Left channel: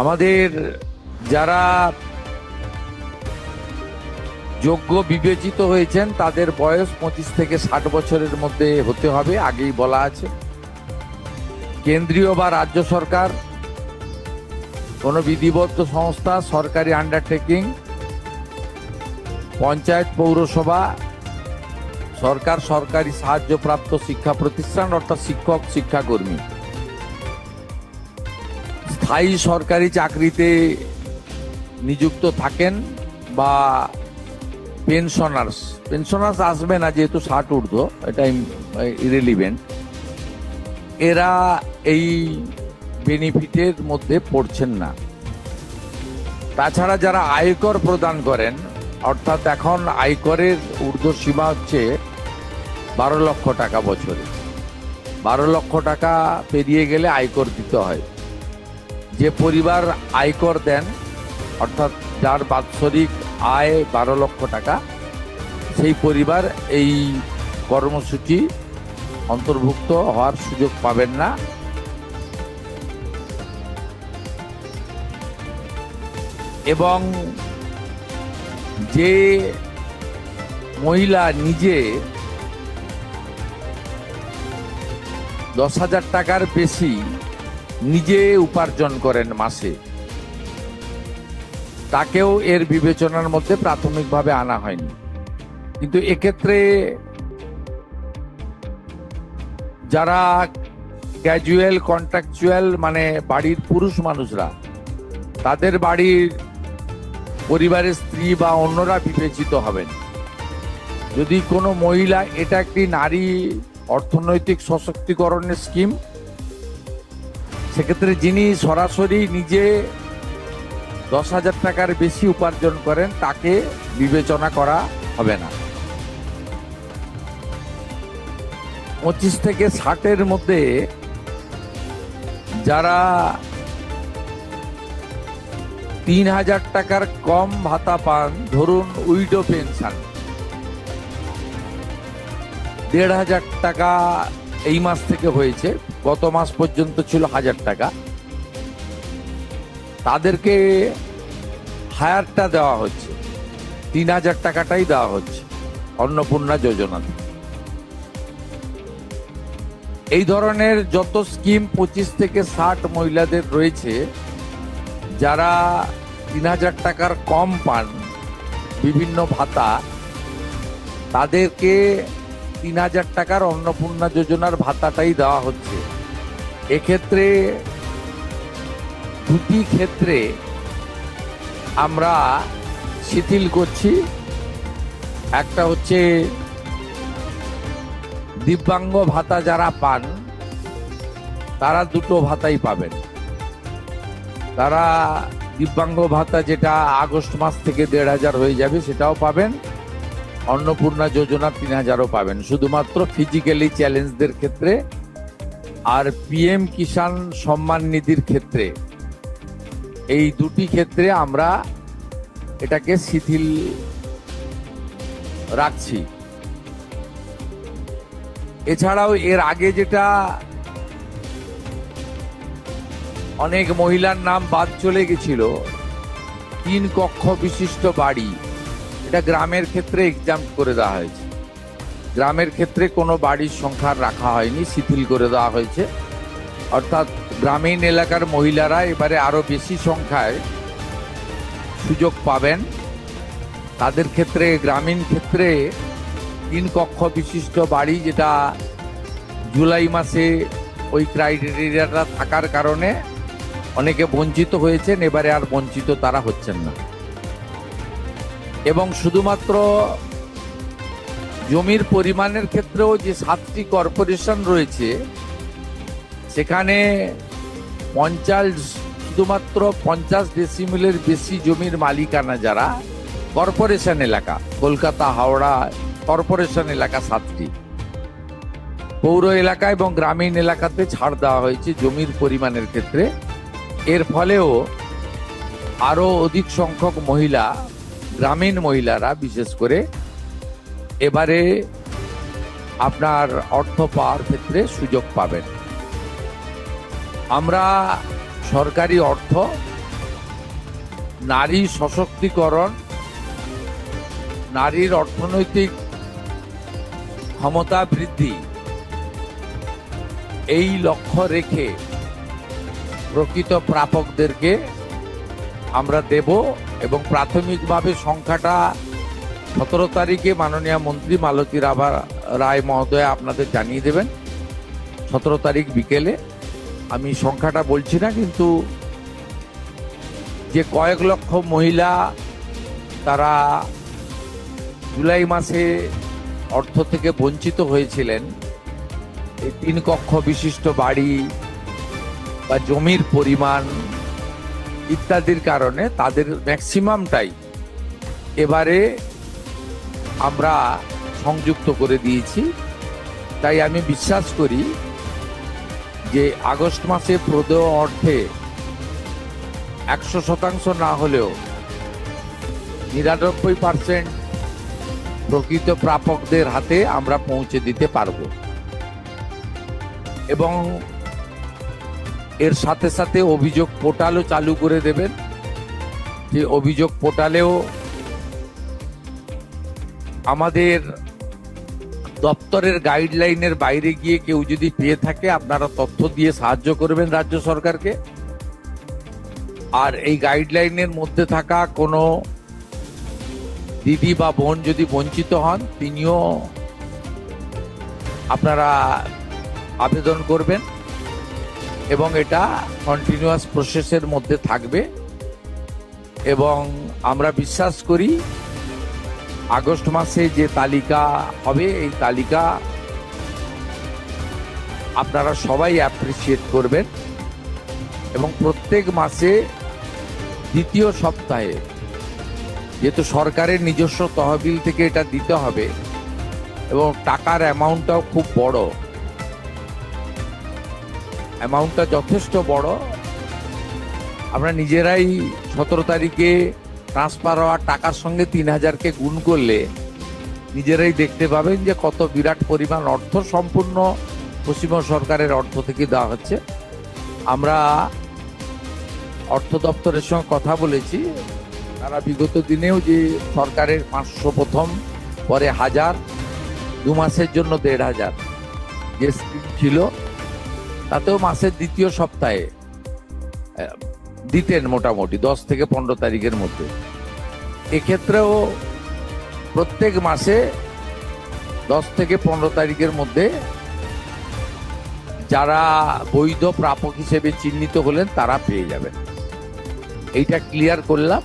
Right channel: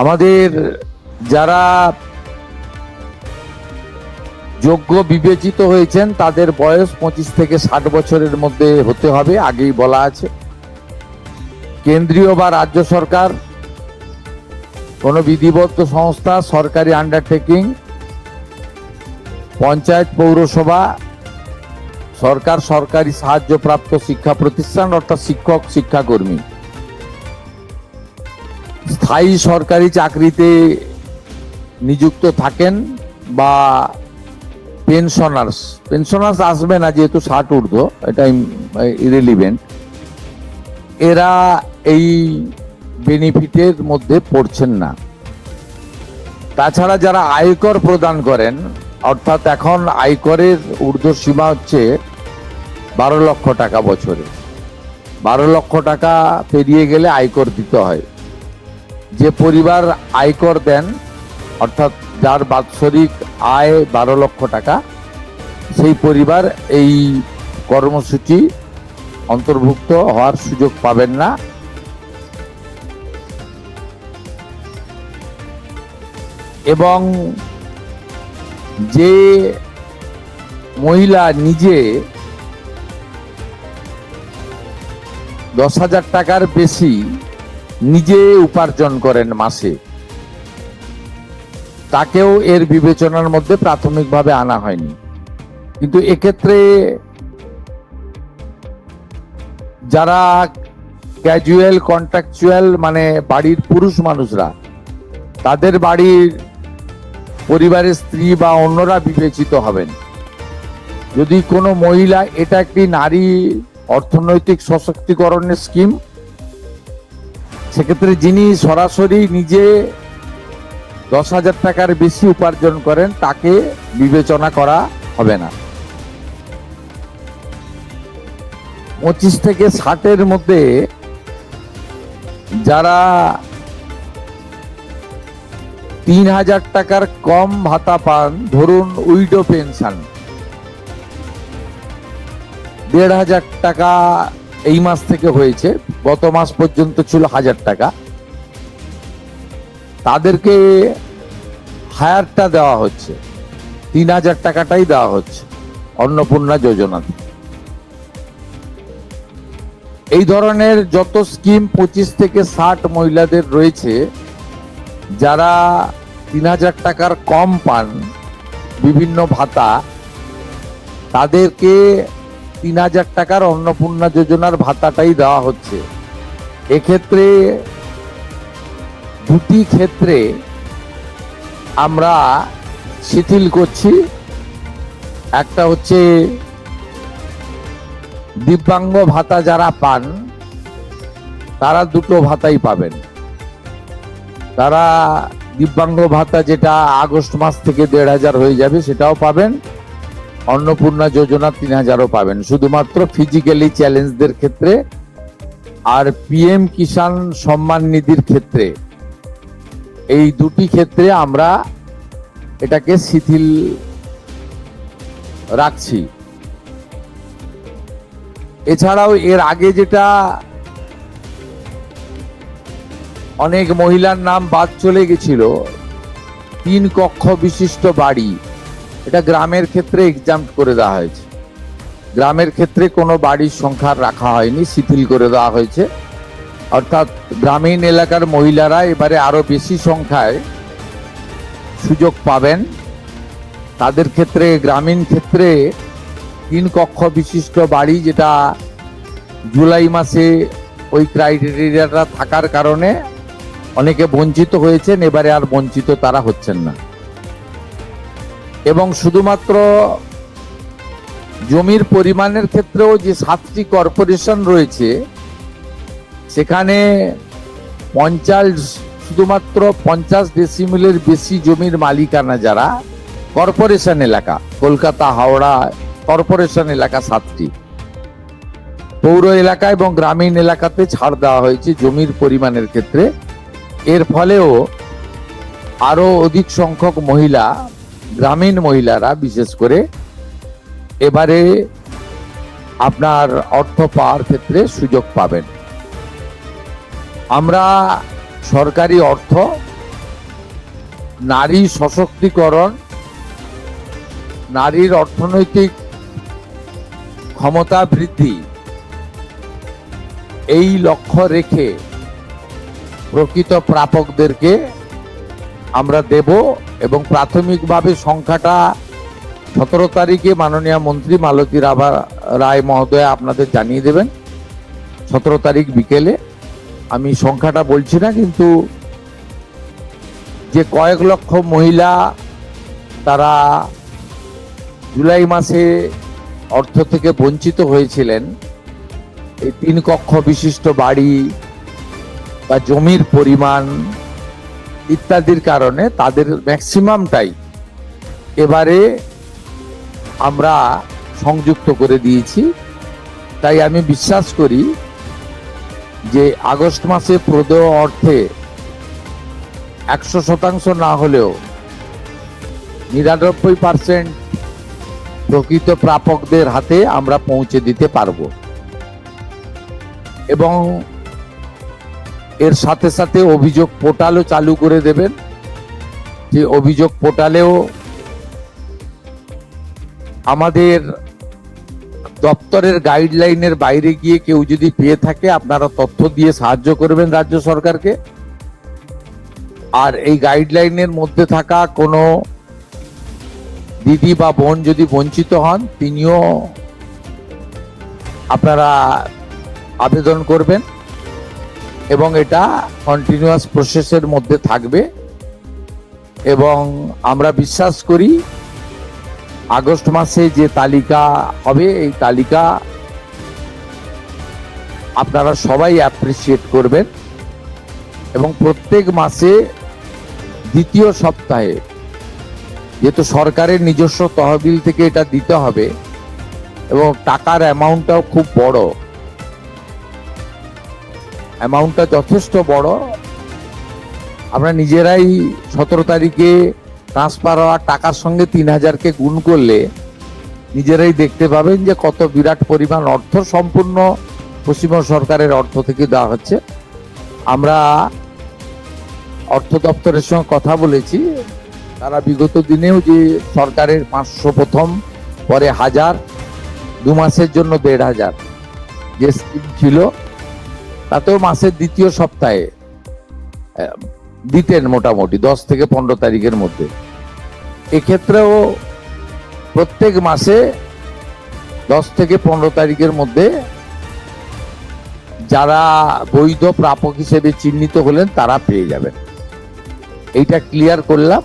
আমাদের যারা যোগ্য বিবেচিত হয়েছেন তাদের বয়স 25 থেকে 60 বছরের মধ্যে হতে হবে, আগেই বলা আছে। কেন্দ্রীয় বা রাজ্য সরকার, কোনো বিধিবদ্ধ সংস্থা, সরকারি আন্ডারটেকিং, পঞ্চায়েত, পৌরসভা, সরকার, সরকারি সাহায্যপ্রাপ্ত শিক্ষা প্রতিষ্ঠান অর্থাৎ শিক্ষক, শিক্ষাকর্মী, স্থায়ী সরকারি চাকরিতে নিযুক্ত থাকেন বা পেনশনার্স আসবে না যেহেতু 60 ঊর্ধ্ব, এটা ইরেলিভেন্ট। এরা এই বেনিফিটের মধ্যে পড়ছেন না। তাছাড়া যারা আয়কর প্রদান করেন, অর্থাৎ এখন আয়করের ঊর্ধ্বসীমা হচ্ছে 12 লক্ষ টাকা বছরে। 12 লক্ষ টাকা পেরিয়ে গেলে আয়কর দিতে হয়। যে পরিবার আয়কর দেন, অর্থাৎ যার বাৎসরিক আয় 12 লক্ষ টাকা, সেই পরিবার এই কর্মসূচি অন্তর্ভুক্ত হওয়ার সুযোগ পাবেন না। এবং যে মহিলা নিজে 10,000 টাকার বেশি নিজে উপার্জন করেন মাসে, তাকেও এর বিবেচনার মধ্যে প্রাথমিকভাবে আনা হয়নি। কিন্তু এক্ষেত্রে যারা ক্যাজুয়াল, কন্ট্রাকচুয়াল, মানে বাড়ির পুরুষ মানুষরা, তাদের বাড়ির পরিবারের স্ত্রী বা অন্যরা বিবেচিত হবেন। যদি কোনো মহিলা, এটা একটি নারী অর্থনৈতিক সশক্তিকরণের স্কিম, সেক্ষেত্রে যিনি সরাসরি নিজে 10,000 টাকার বেশি উপার্জন করেন তাকে বিবেচনা করা হবে না। 25 থেকে 60-এর মধ্যে যারা 3,000 টাকার কম ভাতা পান, ধরুন উইডো পেনশন 1,500 টাকা এই মাস থেকে হয়েছে, গত মাস পর্যন্ত ছিল 1,000 টাকা, তাদেরকে হায়ারটা দেওয়া হচ্ছে, 3,000 টাকাটাই দেওয়া হচ্ছে অন্নপূর্ণা যোজনাতে। এই ধরনের যত স্কিম 25 থেকে 60 মহিলাদের রয়েছে, যারা 3,000 টাকার কম পান বিভিন্ন ভাতা, তাদেরকে 3,000 টাকার অন্নপূর্ণা যোজনার ভাতাটাই দেওয়া হচ্ছে। এক্ষেত্রে দুটি ক্ষেত্রে আমরা শিথিল করছি। একটা হচ্ছে দিব্যাঙ্গ ভাতা যারা পান, তারা দুটো ভাতাই পাবেন। তারা দিব্যাঙ্গ ভাতা যেটা আগস্ট মাস থেকে 1,500 হয়ে যাবে, সেটাও পাবেন। অন্নপূর্ণা যোজনা 3,000ও পাবেন, শুধুমাত্র ফিজিক্যালি চ্যালেঞ্জদের ক্ষেত্রে। আর পিএম কিষাণ সম্মান নিধির ক্ষেত্রে, এই দুটি ক্ষেত্রে আমরা এটাকে শিথিল রাখছি। এছাড়াও এর আগে যেটা অনেক মহিলার নাম বাদ চলে গেছিল, 3 কক্ষ বিশিষ্ট বাড়ি, এটা গ্রামের ক্ষেত্রে এক্সাম্প করে দেওয়া হয়েছে। গ্রামের ক্ষেত্রে কোনো বাড়ির সংখ্যা রাখা হয়নি, শিথিল করে দেওয়া হয়েছে। অর্থাৎ গ্রামীণ এলাকার মহিলারা এবারে আরো বেশি সংখ্যায় সুযোগ পাবেন। তাদের ক্ষেত্রে, গ্রামীণ ক্ষেত্রে 3 কক্ষ বিশিষ্ট বাড়ি, যেটা জুলাই মাসে ওই ক্রাইটেরিয়াটা থাকার কারণে অনেকে বঞ্চিত হয়েছেন, এবারে আর বঞ্চিত তারা হচ্ছেন না। এবং শুধুমাত্র জমির পরিমাণের ক্ষেত্রেও যে 7টি কর্পোরেশন রয়েছে, সেখানে শুধুমাত্র 50 ডেসিমেলের বেশি জমির মালিকানা যারা কর্পোরেশন এলাকা, কলকাতা, হাওড়া কর্পোরেশন এলাকা 7টি, পৌর এলাকা এবং গ্রামীণ এলাকাতে ছাড় দেওয়া হয়েছে জমির পরিমাণের ক্ষেত্রে। এর ফলেও আরো অধিক সংখ্যক মহিলা, গ্রামীণ মহিলারা বিশেষ করে, এবারে আপনার অর্থ পাওয়ার ক্ষেত্রে সুযোগ পাবেন। আমরা সরকারি অর্থ নারী সশক্তিকরণ, নারীর অর্থনৈতিক ক্ষমতা বৃদ্ধি, এই লক্ষ্য রেখে প্রকৃত প্রাপকদেরকে আমরা দেব এবং প্রাথমিকভাবে সংখ্যাটা 17 তারিখে মাননীয় মন্ত্রী মালতী রায় মহোদয় আপনাদের জানিয়ে দেবেন। 17 তারিখ বিকেলে। আমি সংখ্যাটা বলছি না, কিন্তু যে কয়েক লক্ষ মহিলা তারা জুলাই মাসে অর্থ থেকে বঞ্চিত হয়েছিলেন, এই 3 কক্ষ বিশিষ্ট বাড়ি বা জমির পরিমাণ ইত্যাদির কারণে তাদের ম্যাক্সিমামটাই এবারে আমরা সংযুক্ত করে দিয়েছি। তাই আমি বিশ্বাস করি যে আগস্ট মাসে প্রদেয় অর্থে 100% না হলেও 99% প্রকৃত প্রাপকদের হাতে আমরা পৌঁছে দিতে পারব। এবং এর সাথে সাথে অভিযোগ পোর্টালও চালু করে দেবেন, যে অভিযোগ পোর্টালেও আমাদের দপ্তরের গাইডলাইনের বাইরে গিয়ে কেউ যদি পেয়ে থাকে আপনারা তথ্য দিয়ে সাহায্য করবেন রাজ্য সরকারকে। আর এই গাইডলাইনের মধ্যে থাকা কোনো দিদি বা বোন যদি বঞ্চিত হন, তিনিও আপনারা আবেদন করবেন এবং এটা কন্টিনিউয়াস প্রসেসের মধ্যে থাকবে। এবং আমরা বিশ্বাস করি আগস্ট মাসে যে তালিকা হবে, এই তালিকা আপনারা সবাই অ্যাপ্রিসিয়েট করবেন এবং প্রত্যেক মাসে দ্বিতীয় সপ্তাহে, যেহেতু সরকারের নিজস্ব তহবিল থেকে এটা দিতে হবে এবং টাকার অ্যামাউন্টটাও খুব বড়, অ্যামাউন্টটা যথেষ্ট বড়। আমরা নিজেরাই 17 তারিখে ট্রান্সফার হওয়া টাকার সঙ্গে 3000কে গুণ করলে নিজেরাই দেখতে পাবেন যে কত বিরাট পরিমাণ অর্থ সম্পূর্ণ পশ্চিমবঙ্গ সরকারের অর্থ থেকে দেওয়া হচ্ছে। আমরা অর্থ দপ্তরের সঙ্গে কথা বলেছি, তারা বিগত দিনেও যে সরকারের 500 প্রথম, পরে 1000, 2 মাসের জন্য 1500 যে স্কিম ছিল, তাতেও মাসের দ্বিতীয় সপ্তাহে দিতেন মোটামুটি 10 থেকে 15 তারিখের মধ্যে। এক্ষেত্রেও প্রত্যেক মাসে 10 থেকে 15 তারিখের মধ্যে যারা বৈধ প্রাপক হিসেবে চিহ্নিত হলেন তারা পেয়ে যাবেন। এইটা ক্লিয়ার করলাম।